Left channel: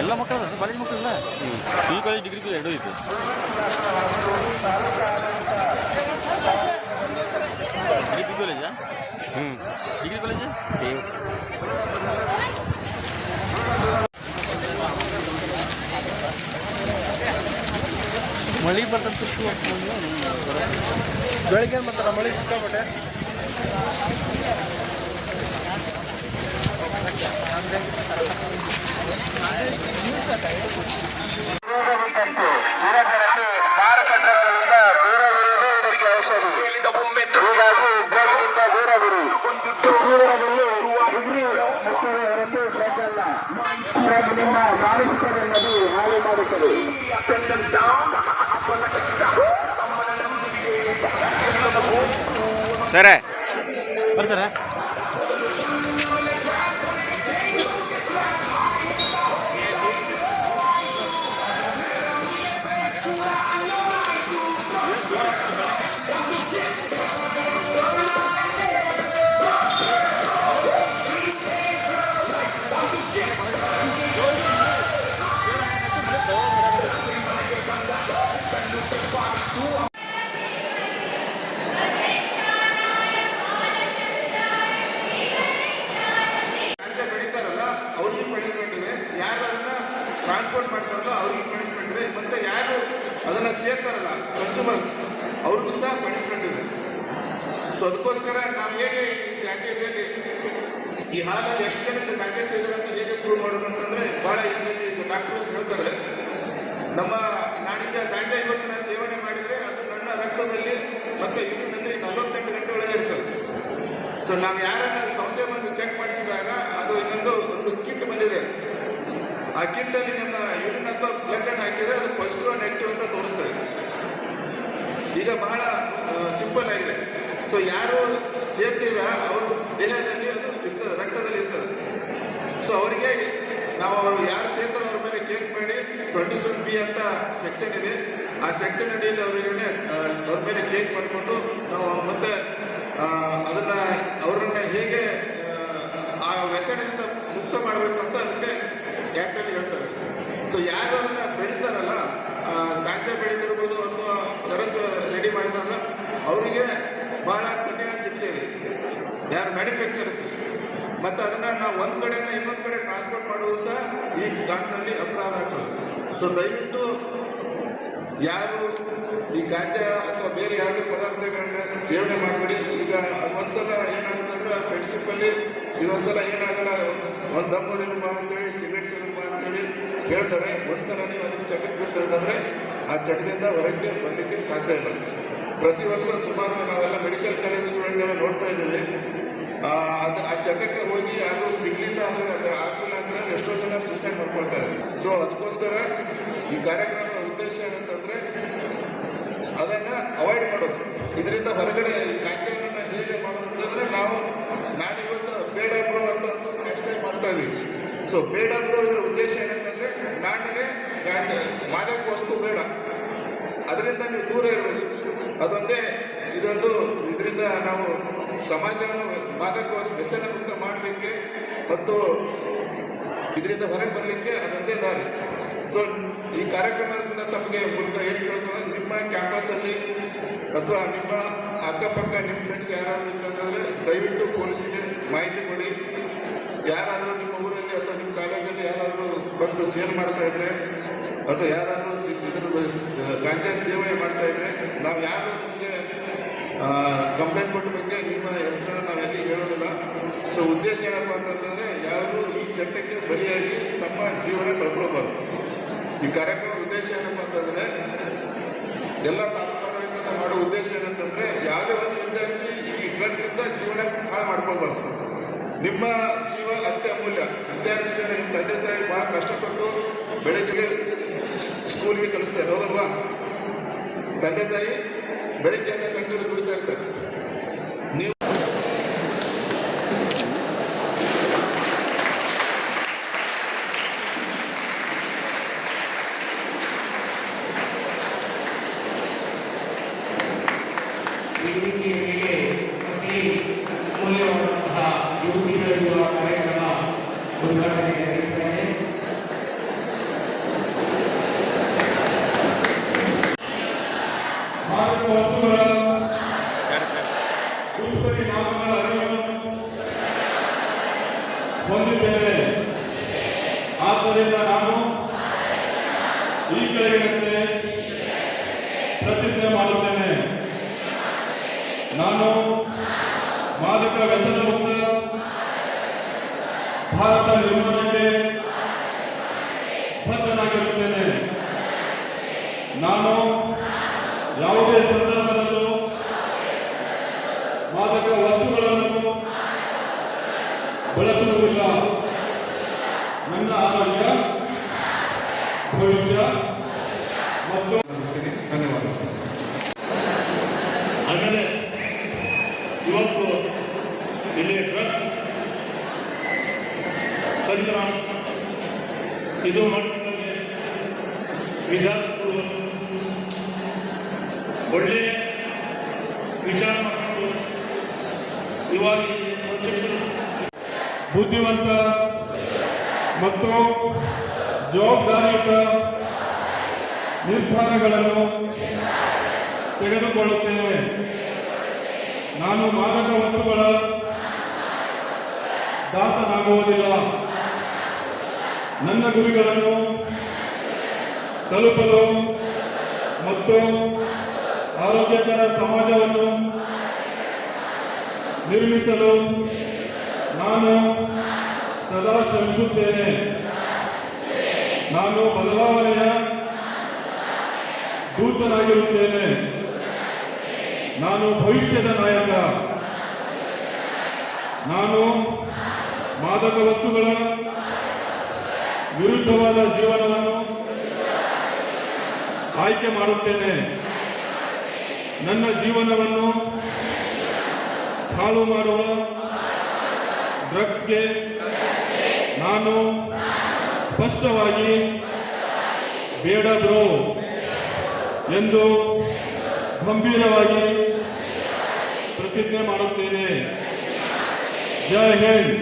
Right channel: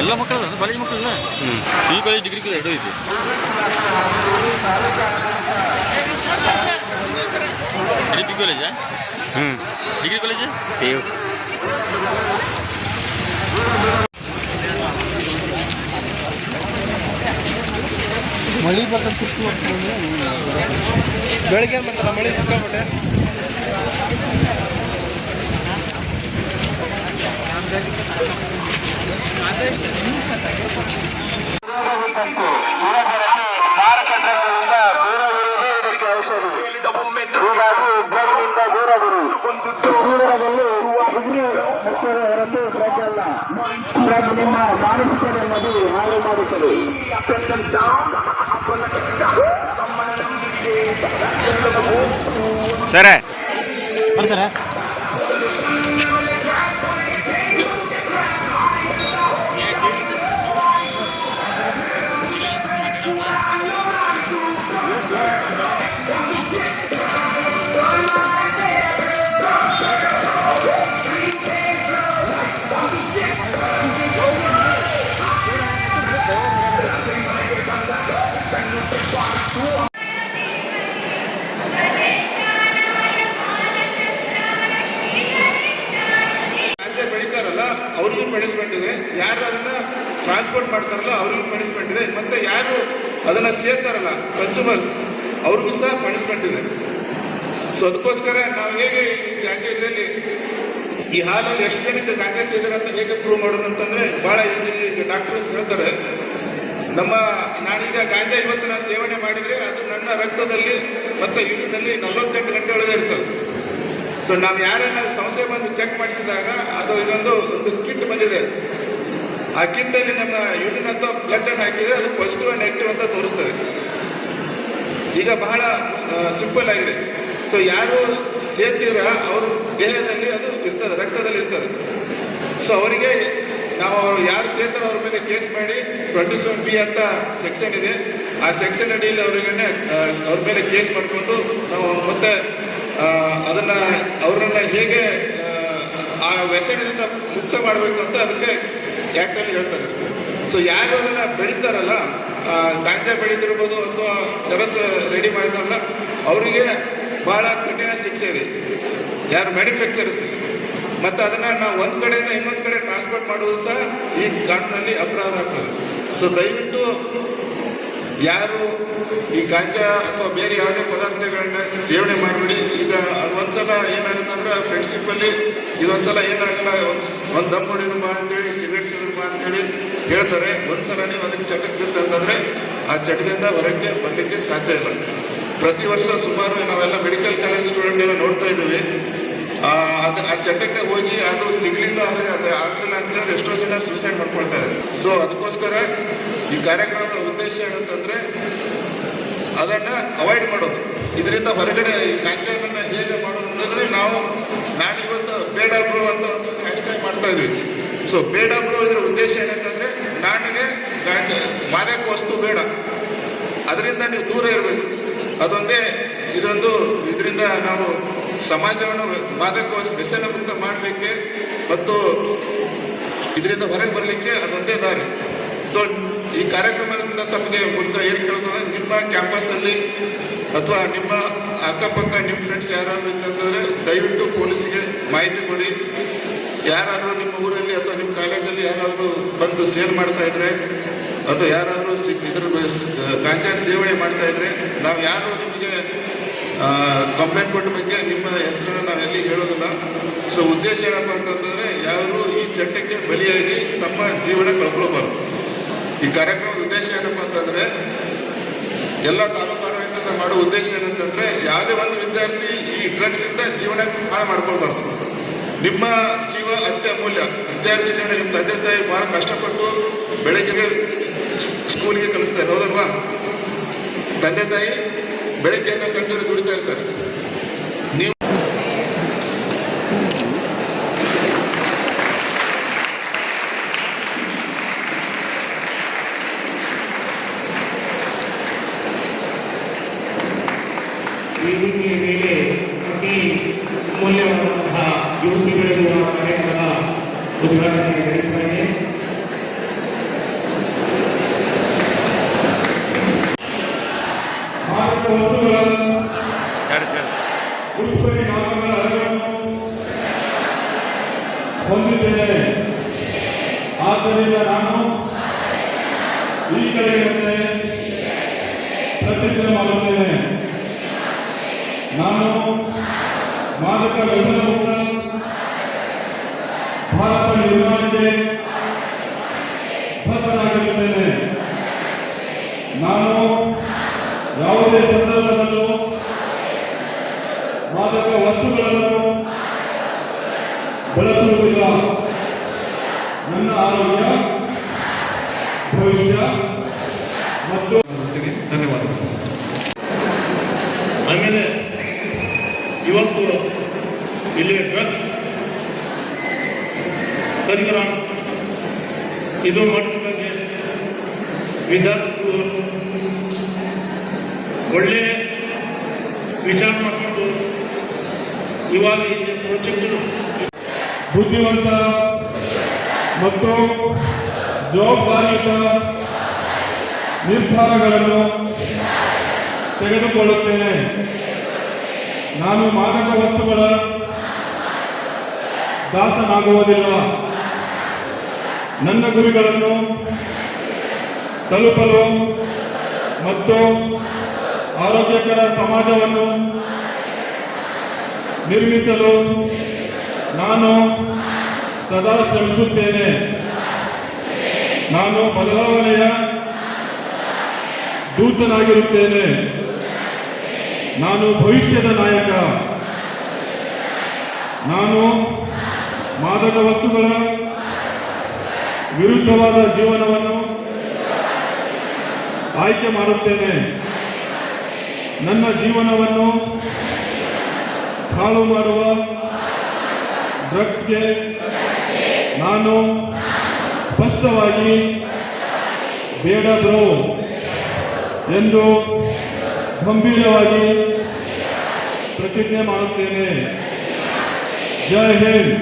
ಎಲ್ಲ ಮಕ್ಕಳು ಕಾಲೇಜ್ ಮಕ್ಕಳಿಲ್ಲ ಈ ಕಾಲೇಜ್ ಡಿಗ್ರಿ ಕಾಲೇಜ್ ಎರಡು ಐತಿ ಡಿಗ್ರಿ ಕಾಲೇಜಾ ಡಿಗ್ರಿ ಕಾಲೇಜ್ ಮಳೆ ಬರ್ತಂತ ಬೆಳಗ್ಗೆ ಬರ್ತಾರ ಮಳೆ ಸಿಕ್ಕಾಬಿಟ್ಟೆ ಮಾರಕಟ್ಟೆಗಳಿಂದ ದೂರವಿರುವುದೇ ಇದಕ್ಕೆ ಔಷಧಿ. ಹೀಗಾಗಿ ಡ್ರಗ್ನಿಂದ ದೂರವಿರಿ. ಜೀವನದಲ್ಲಿ ಡಿಗ್ರಿ ಮುಖ್ಯವೇ ಹೊರತು ಡ್ರಗ್ ಅಲ್ಲ. ಡ್ರಗ್ ನಿಮ್ಮ ಮಾನಸಿಕತೆಯಲ್ಲಿ ಹಾಳು ಮಾಡುತ್ತದೆ. ಸರ ಸರ ಅವ್ರಿಗೂ ಪನಿಷ್ಮೆಂಟ್ ಇದೆ, ಯಾರು ಅದನ್ನ ಟ್ರಾನ್ಸ್ಪೋರ್ಟ್ ಮಾಡ್ತಾರಲ್ಲ ಅವ್ರಿಗೂ ಪನಿಷ್ಮೆಂಟ್ ಇದೆ, ಮತ್ತೆ ಯಾರು ಅದನ್ನ ಸೇರ್ತಾರಲ್ಲ ಕನ್ಸ್ಯೂಮರ್ಸ್ ಅವ್ರಿಗೂ ಸಹ ಪನಿಷ್ಮೆಂಟ್ ಇದೆ. ಸೊ ಅದಕ್ಕೋಸ್ಕರ ನಾವು ಹೇಗೆ ಇದರಲ್ಲಿ ಈ ಹಾಲಲ್ಲಿ ಎಷ್ಟು ಜನಕ್ಕೆ ಗಾಂಜಾ ಸೇರಿದ್ರೆ ಅಂತ ಹೇಗೆ ಪ್ರೂವ್ ಮಾಡೋದು ಅಂತಂದ್ರೆ ಬಹಳ ಈಸಿ. ಈಗ ಡಾಕ್ಟರ್ಸ್ ಹೇಳ್ತಾರೆ, ನಾನೀಗ ಗಾಂಜಾ ಇವತ್ತು ನಾನು ಸೇವನೆ ಮಾಡಿದ್ರೆ ಅದು ನನ್ನ ರಕ್ತದಲ್ಲಿ ಮತ್ತೆ ಯೂರಿನಲ್ಲಿ 48 ಗಂಟೆ ಒಳಗೆ ಇರ್ತದೆ. ಸೊ ನಾವು ಯಾರನ್ನ ಸಂಸ್ಥೆ ಬಂದು ಚೆಕ್ ಮಾಡಿಸಿದಾಗ ಅದು ಒಂದು ಕಿಟ್ ಬಂದಿದೆ. ಆ ಕಿಟ್ ಅಲ್ಲಿ ನಮ್ಮ ಯೂರಿನ್ ಅಥವಾ ಬ್ಲಡ್ ಅನ್ನು ಹಾಕಿದ್ರೆ ಅದು ಪಾಸಿಟಿವ್ ನೆಗೆಟಿವ್ ಅಂತ ತೋರಿಸ್ತದೆ. ಈಗ ಬಹಳ ಸಿಂಪಲ್ ಆಗಿದೆ. ಸೊ ಯಾರು ಸೇರ್ತೀರ ಅವ್ರ ದೇಹದಲ್ಲಿ ಅದು ಇರ್ತದೆ, ರಕ್ತದಲ್ಲಿ ಇರ್ತದೆ. ಸೊ ಅವರಿಗೆ ನಾವು ಯಾರು ಸೇರ್ತಾರೆ ಅವ್ರ ಮೇಲೆ ಕೇಸ್ ಮಾಡಿ 27B ಅಂತ ಸೆಕ್ಷನ್ ಇದೆ. ಆ ಸೆಕ್ಷನ್ ಅಡಿಯಲ್ಲಿ ಅವ್ರ ಮೇಲೆ ಕೇಸ್ ಮಾಡಿಕೊಂಡು ನಾವು ಮತ್ತೆ ಅವ್ರನ್ನ ಹೇಗೆ ಆ ವ್ಯಸನದಿಂದ ಮುಕ್ತ ಮಾಡಬೇಕು ಅಂತ ಅದಕ್ಕೆ ಆ್ಯಕ್ಟಲ್ಲಿ ಹೇಳ್ತಾರೆ. ಸೊ ಯಾರು ಅದನ್ನ ಬೆಳೀತಾರಲ್ಲ, ಗಾಂಜಾ ಬೆಳೀತಿರ್ಬೋದು ಅಥವಾ ಚರಸ್ ರೆಡಿ ಮಾಡ್ತಾರಲ್ಲ ಅವರಿಗೆ ಬಹಳ ಕಠಿಣ ಶಿಕ್ಷೆ ಇದೆ, ಯಾರು ಮ್ಯಾನುಫ್ಯಾಕ್ಚರರ್ಸ್. ಮತ್ತು ಅದನ್ನ ನಾವು ಒಂದು ಕಡೆಯಿಂದ ಇನ್ನೊಂದು ಕಡೆ ಟ್ರಾನ್ಸ್ಪೋರ್ಟ್ ಮಾಡೋದು ಸಹ ಈ ಕಾನೂನಲ್ಲಿ ಅಪರಾಧ ಆಗ್ತದೆ. ಸೊ ದಯವಿಟ್ಟು ಯಾರು ಈ ಗಾಂಜಾ ಅಥವಾ ಬೇರೆ ಯಾವುದೇ ಪದಾರ್ಥಗಳನ್ನ ಸೇವನೆ ಮಾಡಬೇಡಿ. ಈಗ ಅದು ಒಂದ್ಸಲ ಏನಾಗುತ್ತೆ ಅಂದ್ರೆ ಫ್ರೆಂಡ್ಶಿಪ್ ಅಲ್ಲಿ ಇದೊಂದ್ಸಲ ಏನಾಗಲ್ಲ, ಒಂದು ದಮ್ ಹೊಡಿರುವ ಅಂತೇಳಿ ಸಿಗರೇಟ್ ಸೇರುವ ಅಂತೇಳಿ ಹೇಳ್ತಾರೆ. ಒಂದ್ಸಲ ನೀವು ಅದಕ್ಕೆ ಚಟಕ್ಕೆ ಬಿತ್ತಂತಂದ್ರೆ ಆ ಚಟದಿಂದ ಹೊರಗೆ ಬರಲಿಕ್ಕೆ ಸಾಧ್ಯ ಇಲ್ಲ. ಪ್ರತಿ ವರ್ಷ ಸುಮಾರು ನಾವೆಲ್ಲ ಮೆಡಿಕಲ್ ಕಾಲೇಜ್ ಸ್ಟೂಡೆಂಟ್ ಎಲ್ಲ ನೋಡ್ತಾ ಇದ್ದೀವಿ, ಆ ಚಟಕ್ಕೆ ಹೋಗಿ ಅದು ಸಿಗ್ಲಿಲ್ಲ, ಅದು ಆಗಲಿಲ್ಲ ಅಂತೇಳಿ ಎಷ್ಟೋ ಜನ ಸೂಸೈಡ್ ಮಾಡ್ಕೊಳ್ತಾರೆ. ಸೊ ಅದಕ್ಕೋಸ್ಕರ ಈ ಕಾರ್ಯಕ್ರಮದ ಉದ್ದೇಶ ಏನಂತಂದ್ರೆ ಅದನ್ನ ಅವಾಯ್ಡ್ ಮಾಡೋದು. ಇದರಿಂದ ಹೊರಗಡೆ ಈ ಗಾಂಜಾವನ್ನ ಹೇಗೆ ಮಾಡೋದು ಅಂತಂದ್ರೆ ನಾನಿವತ್ತು ಬೇಡ ಬ್ರೋ ಅಂತ ಒಂದು ಹ್ಯಾಶ್ಟ್ಯಾಗ್ ಮಾಡ್ತಾ ಇದೀವಿ. ಸೊ ಬೇಡ ಬ್ರೋ ಇದರ ಉದ್ದೇಶ ಏನಂತಂದ್ರೆ ನನಗೆ ಮಾದಕ ವಸ್ತು ಬೇಡ, ಅದರಿಂದ ನೀವು ದೂರ ಇರಬೇಕು. ಅದೊಂದೇ ಇದರಿಂದ ನಾವು ಸಮಾಜವನ್ನು ಮಾದಕ ವ್ಯಸನ ಮುಕ್ತ ಮಾಡಲಿಕ್ಕೆ ಮತ್ತು ಇದರಿಂದ ಹೊರಗೆ ಬರಲಿಕ್ಕೆ ಅದೊಂದೇ ದಾರಿ. ಸೊ ಈ ಕಾರ್ಯಕ್ರಮದಿಂದ ತಮಗೆ ಮೂಲಕ ಏನು ಕೇಳ್ತಾರೆ, ನಿಮ್ಮ ಕ್ಯಾಂಪಸ್ಸಲ್ಲಿ ಅಥವಾ ನಿಮ್ಮ ಅಕ್ಕಪಕ್ಕ ನಿಮ್ಮ ಫ್ರೆಂಡ್ಸ್ ಯಾರಾದರೂ ಇತ್ತಂತಂದರೆ ದಯವಿಟ್ಟು ಪೊಲೀಸಿಗೆ ಮಾಹಿತಿ ಕೊಡಿ. ಯಾರಾದರೂ ನಿಮ್ಮ ಊರಲ್ಲಿ ಅಥವಾ ನಿಮ್ಮ ಕಾಲೇಜಲ್ಲಿ ಯಾರಾದರೂ ಬಂದು ಸೇಲ್ ಮಾಡ್ತಾ ಇದ್ರೆ ಅಥವಾ ಯಾರಾದರೂ ಇದ್ರ ಗಾಂಜಾ ಸೇವನೆ ಮಾಡ್ತಾ ಇದ್ರೆ ನಾವು ಯಾರು ನಿಮಗೆ ಕಂಪ್ಲೇಂಟ್ ಕೊಟ್ಟ ಬಗ್ಗೆ ನಿಮ್ಮ ಹೆಸರನ್ನು ನಾವೆಲ್ಲಿ ಹೇಳೋದಿಲ್ಲ. ಸೊ ಉದ್ದೇಶ ಏನಪ್ಪ ಅಂತಂದರೆ ಯಾರು ಈ ಚಟಕ್ಕೆ ಬಲಿಯಾಗಿ ತಮ್ಮ ಜೀವನ ಕಳ್ಕೊಳ್ಬಾರ್ದು. ಈ ಕಾರ್ಯಕ್ರಮದ ಉದ್ದೇಶ ಏನಪ್ಪ ಅಂತಂದ್ರೆ ಎಲ್ಲ ತಾಲೂಕು ಆಡಳಿತ ಮಾಡೋ ಉದ್ದೇಶ ಏನಂತಂದ್ರೆ ಯಾವುದೇ ಒಂದು ವಿದ್ಯಾರ್ಥಿ ಈ ಡ್ರಗ್ಸ್ ಇಂದ ಜೀವನ ಹಾಳು ಮಾಡ್ಕೊಳ್ಬಾರ್ದು. ನಿಮ್ಮ ಜೀವ ಅತ್ಯಮೂಲ್ಯ. ವಿದ್ಯಾರ್ಥಿ ಜನ ನಿಮ್ಮ ತಂದೆ ತಾಯಿ ಬಹಳ ಕಷ್ಟಪಟ್ಟು ಬೆಳಗ್ಗೆ ಸ್ಕೂಲ್ಗೆ ಕಲಿಸ್ತಾರೆ, ಹೌದಲ್ವಾ? ತಂದೆ ತಾಯಿ ಬೆಳಗ್ಗೆಯಿಂದ ಸಂಜೆ ದುಡಿತಾ ಇರ್ತಾರೆ. ನೀವು ವೇದಿಕೆಯ ಮೇಲೆ ಅತಿ ಮೌಲ್ಯವಾದಂತಹ ಯುವತಿಗಳಿರುವ ಕಾರ್ಯಕ್ರಮ ಉದ್ಘಾಟನೆ ನಡೆಯುತ್ತಾರೆ. ಮಾದಕ ವಸ್ತುಗಳ ದುಷ್ಪರಿಣಾಮಗಳ ಅರಿವನ್ನು ಹೊಂದಿದ್ದೇನೆ. ಆದ್ದರಿಂದ ನಾನು ಈ ಕೆಳಗಿನಂತೆ ಪ್ರತಿಜ್ಞೆ ಮಾಡುತ್ತೇನೆ. ನಾನು ಮಾದಕ ವ್ಯಸನ ಮುಕ್ತ ಭಾರತ ನಿರ್ಮಾಣಕ್ಕೆ ಬದ್ಧನಾಗಿರುತ್ತೇನೆ. ನಾನು ಯಾವುದೇ ಸಂದರ್ಭದಲ್ಲೂ ಮಾದಕ ವಸ್ತುಗಳನ್ನು ಬಳಸುವುದಿಲ್ಲ. ನನ್ನ ಆರೋಗ್ಯ, ಭವಿಷ್ಯ ಮತ್ತು ಧನ್ಯವಾದಗಳು. ಆಮೇಲೆ ಇವತ್ತು ಇಲ್ಲಿ ಡ್ರಗ್ಸ್ ಕರಿಕರಣ ಇದು ಮಾಡಿದ ಬಗ್ಗೆ ವಿದ್ಯಾರ್ಥಿಗಳು ಒಳ್ಳೆಯ ವಿಚಾರ ಮಾಡಿಕೊಂಡು ಇವಾಗ ಚಿಕ್ಕರು ಬುದ್ಧಿವಂತ ಮತ್ತು ಜವಾಬ್ದಾರಿಯುತ ನಿರ್ಧಾರಗಳನ್ನು ತೆಗೆದುಕೊಳ್ಳುತ್ತೇನೆ. ನಾನು ಮಾದಕ ವಸ್ತುಗಳ ದಾಸನಾಗುವುದಿಲ್ಲ. ನನ್ನ ಗುರಿಗಳನ್ನು ತಲುಪಲು ಮತ್ತು ಆರೋಗ್ಯಕರ ಸಮಾಜವನ್ನು ನಿರ್ಮಿಸಲು ನಾನು ಸದಾ ಶ್ರಮಿಸುತ್ತೇನೆ. ನಾನು ಬದಲಾವಣೆಯ ದೂತನಾಗಿರುತ್ತೇನೆ. ನಾನು ಭವಿಷ್ಯದ ನಾಯಕ. ನಾನು ಮಾದಕ ವಸ್ತುಗಳ ವಿರುದ್ಧವಾದ ಜೀವನವನ್ನು ಆಯ್ಕೆ ಮಾಡುತ್ತೇನೆ. ನನ್ನ ಜೀವನವನ್ನು ಹಾಳು ಮಾಡುವ ಡ್ರಗ್ಸ್ಗೆ ನಾನು ಸ್ಪಷ್ಟವಾಗಿ ಬೇಡ ಬ್ರೋ ಎಂದು ಗಂಭೀರವಾಗಿ ಪ್ರತಿಜ್ಞೆ ಮಾಡುತ್ತೇನೆ. ಜೈ ಹಿಂದ್.